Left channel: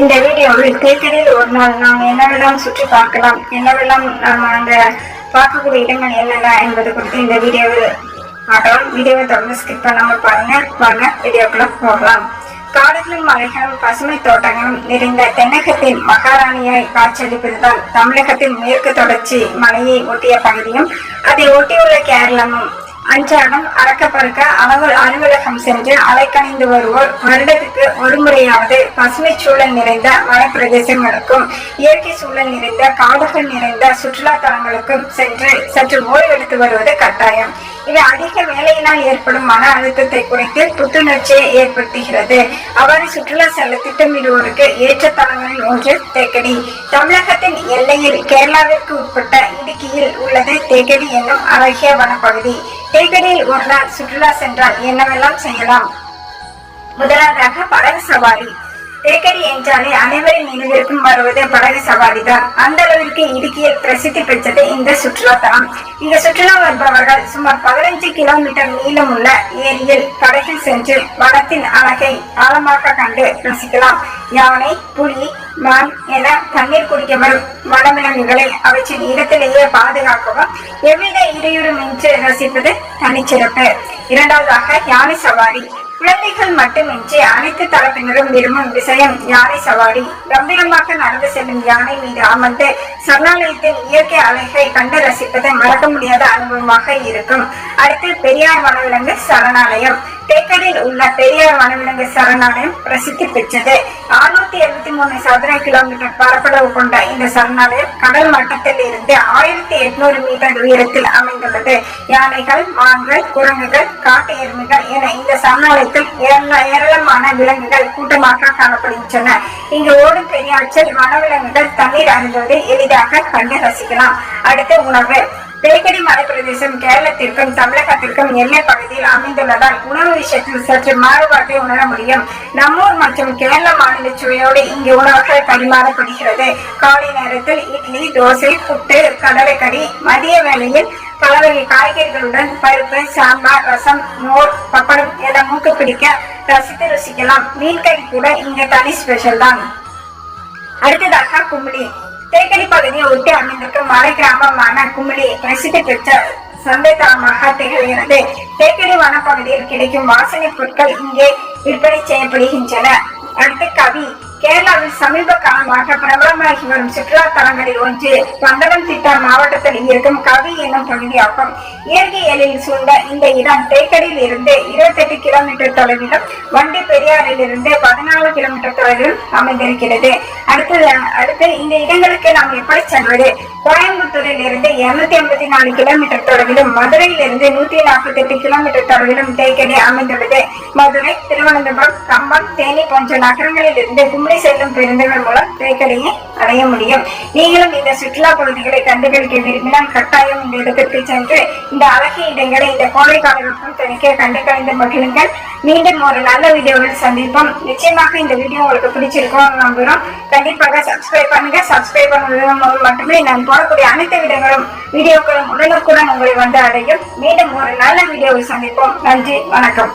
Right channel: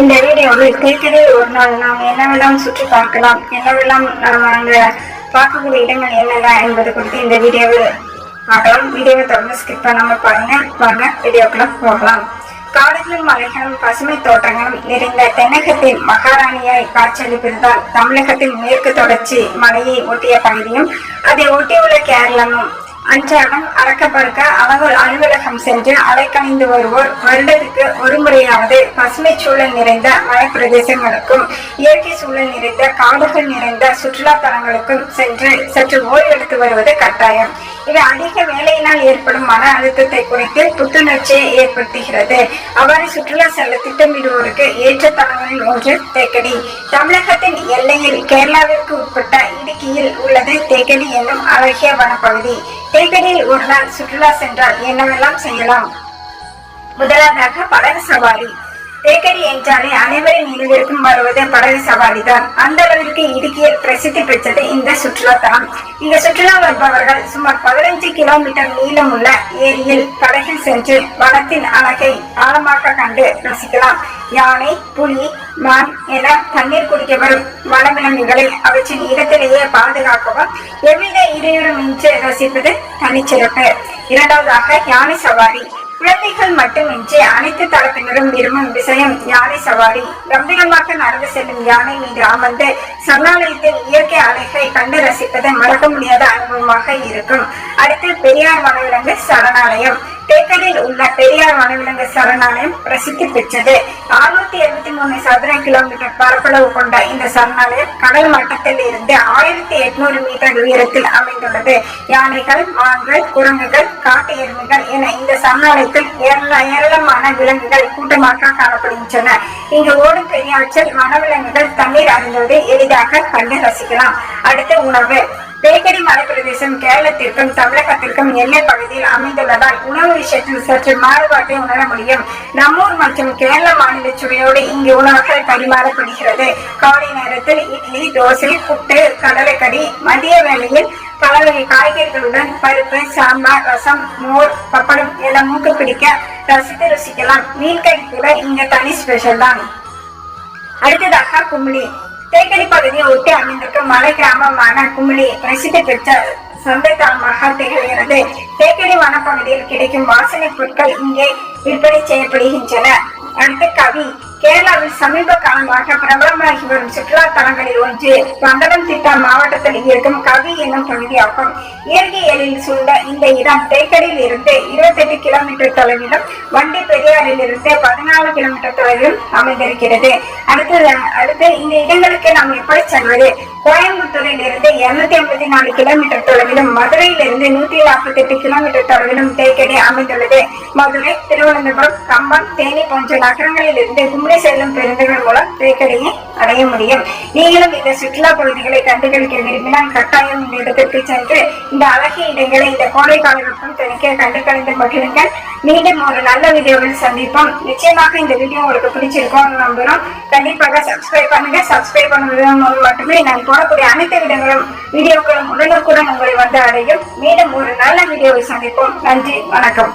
இந்த வீடியோவில் தேக்கடியில் ஒரு நாள் நாம் என்னவெல்லாம் சுற்றி பார்க்கலாம். என்னவெல்லாம் நாம் அங்கே பார்க்கக்கூடிய இடங்கள் என்னென்ன என்பது குறித்து இந்த வீடியோவில் பார்க்கலாம். வீடியோவை தொடர்ந்து ஸ்கிப் பண்ணாமல் பாருங்கள் வாங்க வீடியோக்குள்ள போகலாம். காடுகளும் மலைகளும் பசுமை தோட்டங்களும் நிறைந்த தென்னகத்தின் மகாராணியாய் காட்சியளிப்பதுதான் தமிழகத்தின் மேற்கு தொடர்ச்சி மலையை ஒட்டிய பகுதியும் அதை ஒட்டியுள்ள கேரளமும். அன்றாடம் அறக்க பறக்க அலுவல் அலுவலகம் சென்று அலைக்கணிந்து வருவோர் வருடத்துக்கு ஒரு முறையாவது பசுமை சூழல் நிறைந்த மலைப்பிரதேசங்களுக்கும் இயற்கை சூழல் நிறைந்த காடுகள் நிறைந்த சுற்றுலா தலங்களுக்கும் சென்று சற்று ஓய்வெடுத்து வருவது கட்டாயம். இது அதிக வேலையினால் ஏற்படும் மன அழுத்தத்தை குறைத்து புத்துணர்ச்சியை ஏற்படுத்துகிறது. அவ்வாறு சுற்றுலா செல்ல திட்டமிடுவோருக்கு ஏற்ற தலங்களில் ஒன்று தேக்கடி. தமிழகத்தின் எல்லையில் கேரளாவிற்கு உட்பட்ட இடுக்கியில் உள்ளது தேக்கடி என்னும் அழகிய வனப்பகுதி. தேக்கடியில் ஒரு நாள் சுற்றுலா சென்றால் என்னவெல்லாம் செய்யலாம்? முதலாவதாக படகு சவாரி. தேக்கடி என்றாலே அனைவரின் நினைவிற்கும் வருவது படகு சவாரி தான் அந்த அளவிற்கு இடுக்கியில் பிரசித்தி பெற்றது இந்த சுற்றுலா தலம். இந்த சுற்றுலா வருபவர்கள் சுமார் பதினைஞ்சு கிலோமீட்டர் நீளமுள்ள ஏரியில் படகில் சென்று வனத்தின் அழகை ஆழமாக கண்டு ரசிக்கலாம். யானை புலி மான் என தண்ணீர் குடிக்க வரும் வனவிலங்குகளை அவற்றின் இடத்திலேயே பாதுகாக்கவும் எவ்வித இடையூறுமின்றி ரசிப்பது தனிச்சிறப்பு. இரண்டாவதாக யானை சவாரி. குழந்தைகள் மட்டுமின்றி அனைத்து தரப்பினரும் விரும்பும் விஷயம் யானை சவாரி. கம்பீரமாக நடந்து செல்லும் யானை மீது அமர்ந்து சரணாலயத்தின் இயற்கை அழகை கண்டு ரசிப்பது மறக்க முடியாத அனுபவமாக இருக்கும். அடுத்து பெரியார் வனவிலங்கு சரணாலயம். தேக்கடில் உள்ள பெரியார் வனவிலங்கு சரணாலயம் பிரசித்தி பெற்றது. அறுநூத்தி எழுபத்தி மூணு சதுர கிலோமீட்டர் பரப்பளவு கொண்ட இந்த சரணாலயம் கடல் மட்டத்தில் இருந்து ஆயிரத்தி எட்நூறு மீட்டர் உயரத்தில் அமைந்துள்ளது. யானைகள் மான்கள் குரங்குகள் காட்டு எருமைகள் என இந்த சரணாலயத்தில் ஏராளமான விலங்குகள் கூட்டமாக காணப்படுகின்றன. இங்கு ஓடும் பெரியாற்றில் வனவிலங்குகள் தண்ணீர் அருந்துவதை எளிதாக கண்டு ரசிக்கலாம். அடுத்து உணவு. தேக்கடி மலைப்பிரதேசம் கேரளத்திற்கும் தமிழகத்திற்கும் எல்லை பகுதியில் அமைந்துள்ளதால் உணவு விஷயத்தில் சற்று மாறுபாட்டை உணர முடியும். நம்மூர் மற்றும் கேரள மாநில சுவையோடு இங்கு உணவுகள் பரிமாறப்படுகிறது. காலை நேரத்தில் இட்லி தோசை புட்டு கடலைக்கறி மதிய வேளையில் பல வகை காய்கறிகளுடன் பருப்பு சாம்பார் ரசம் மோர் பப்படம் என மூக்கு பிடிக்க ரசித்து ருசிக்கலாம். மீன் கறி கூட இங்க தனி ஸ்பெஷல் தான். அடுத்ததாக குமிளி தேக்கடி பகுதியை ஒட்டி அமைந்திருக்கும் மலை கிராமமான குமிளி பிரசித்தி பெற்ற சொந்தமாக திகழ்கிறது தேக்கடி வனப்பகுதியில் கிடைக்கும் வாசனை பொருட்கள் இங்கே விற்பனை செய்யப்படுகின்றன. அடுத்த கவி கேரளாவில் சமீப காலமாக பிரபலமாகி வரும் சுற்றுலா தலங்களில் ஒன்று பந்தனம் திட்டா மாவட்டத்தில் இருக்கும் கவி என்னும் பகுதியாகும். இயற்கை எழில் சூழ்ந்த இந்த இடம் தேக்கடியில் இருந்து இருபத்தெட்டு கிலோமீட்டர் தொலைவிலும் வண்டி பெரியாறில் இருந்து பதினாலு கிலோமீட்டர் தொலைவிலும் அமைந்திருக்கிறது. அடுத்து அடுத்து இந்த இடங்களுக்கு நாம் எப்படி செல்வது? கோயம்புத்தூரில் இருந்து இருநூத்தி ஐம்பத்தி நாலு கிலோமீட்டர் தொலைவிலும் மதுரையில் இருந்து நூத்தி நாற்பத்தி எட்டு கிலோமீட்டர் தொலைவிலும் தேக்கடி அமைந்துள்ளது. மதுரை திருவனந்தபுரம் கம்பம் தேனி போன்ற நகரங்களில் இருந்து கும்பல் கும்ளி செல்லும் பேருந்துகள் மூலம் தேக்கடையை அடைய முடியும். நீங்களும் இந்த சுற்றுலா பகுதிகளை கண்டுகளிக்க விரும்பினால் கட்டாயம் இந்த இடத்திற்கு சென்று இந்த அழகிய இடங்களை இந்த கோடை காலகட்டம் தணிக்க கண்டு கழிந்து மகிழுங்கள். மீண்டும் ஒரு நல்ல வீடியோவில் சந்திப்போம். நிச்சயமாக இந்த வீடியோ உங்களுக்கு பிடிச்சிருக்கும் நம்புகிறோம். கண்டிப்பாக சப்ஸ்கிரைப் பண்ணுங்க. சப்ஸ்கிரைப் பண்ணுவதன் மூலம் மட்டுமே நான் போடக்கூடிய அனைத்து விடங்களும் வீடியோக்களும் உடனுக்குடன் உங்களை வந்து அடையும். மீண்டும் ஒரு நல்ல வீடியோவை சந்திப்போம். நன்றி. வணக்கம்.